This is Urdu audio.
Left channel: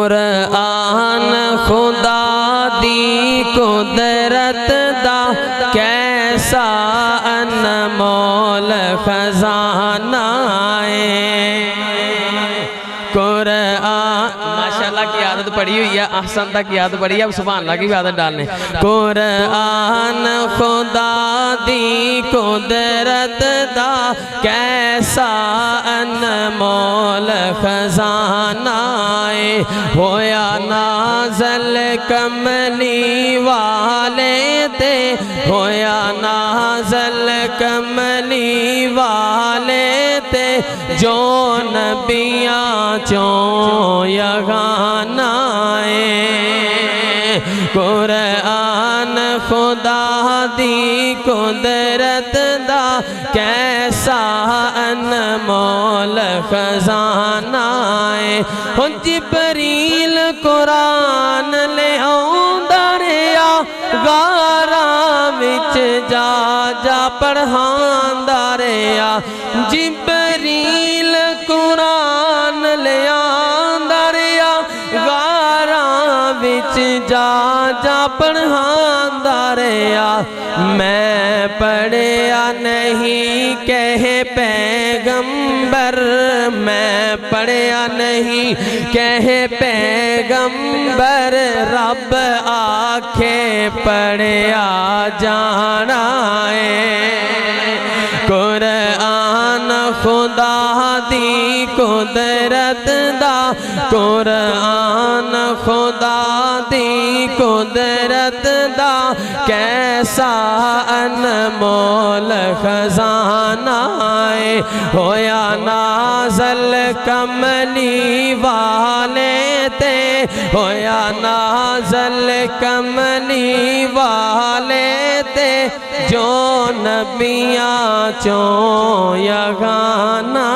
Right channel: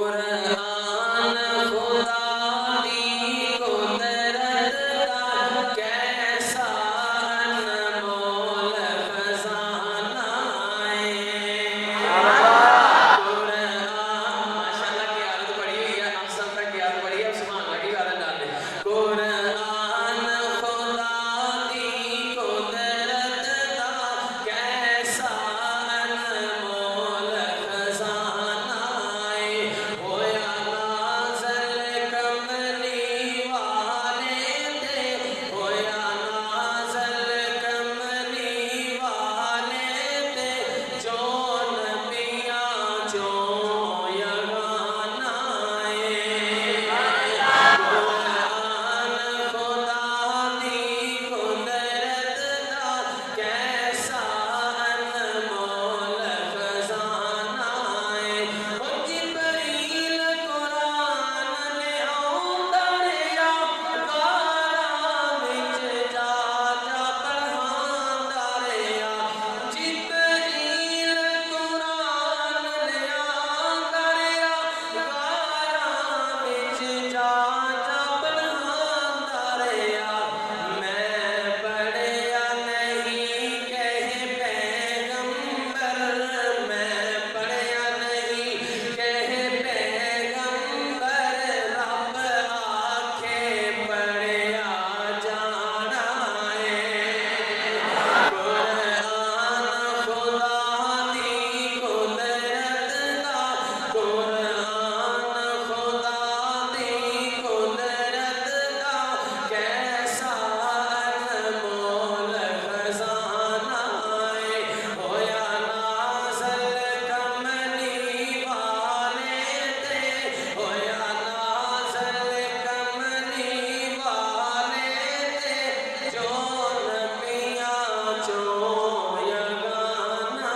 قرآن خدا دی قدرت دا کیسا انمول خزانہ ہے قرآن ماشاءاللہ کی عادت پڑھی ہوئی ہے احسن تک کی عادت پڑھی ہے اب سبحان اللہ کی بھی عادت ڈالنے قرآن خدا دی قدرت دا کیسا انمول خزانہ ہے ہویا نازل کملی والے تے ہویا نازل کملی والے تے جو نبیاں چوں یگانہ ہے قرآن خدا دی قدرت دا کیسا انمول خزانہ ہے جبریل قرآن لے آؤندا رہیا غاراں وچ جا جا پڑھاندا رہیا جبریل قرآن لے آؤندا رہیا غاراں وچ جا جا پڑھاندا رہیا میں پڑھیا نہیں کہے پیغمبر میں پڑھیا نہیں کہے پیغمبر رب آکھے پڑھیا جانا ہے قرآن خدا دی قدرت دا قرآن خدا دی قدرت دا کیسا انمول خزانہ ہے ہویا نازل کملی والے تے ہویا نازل کملی والے تے جو نبیاں چوں یگانہ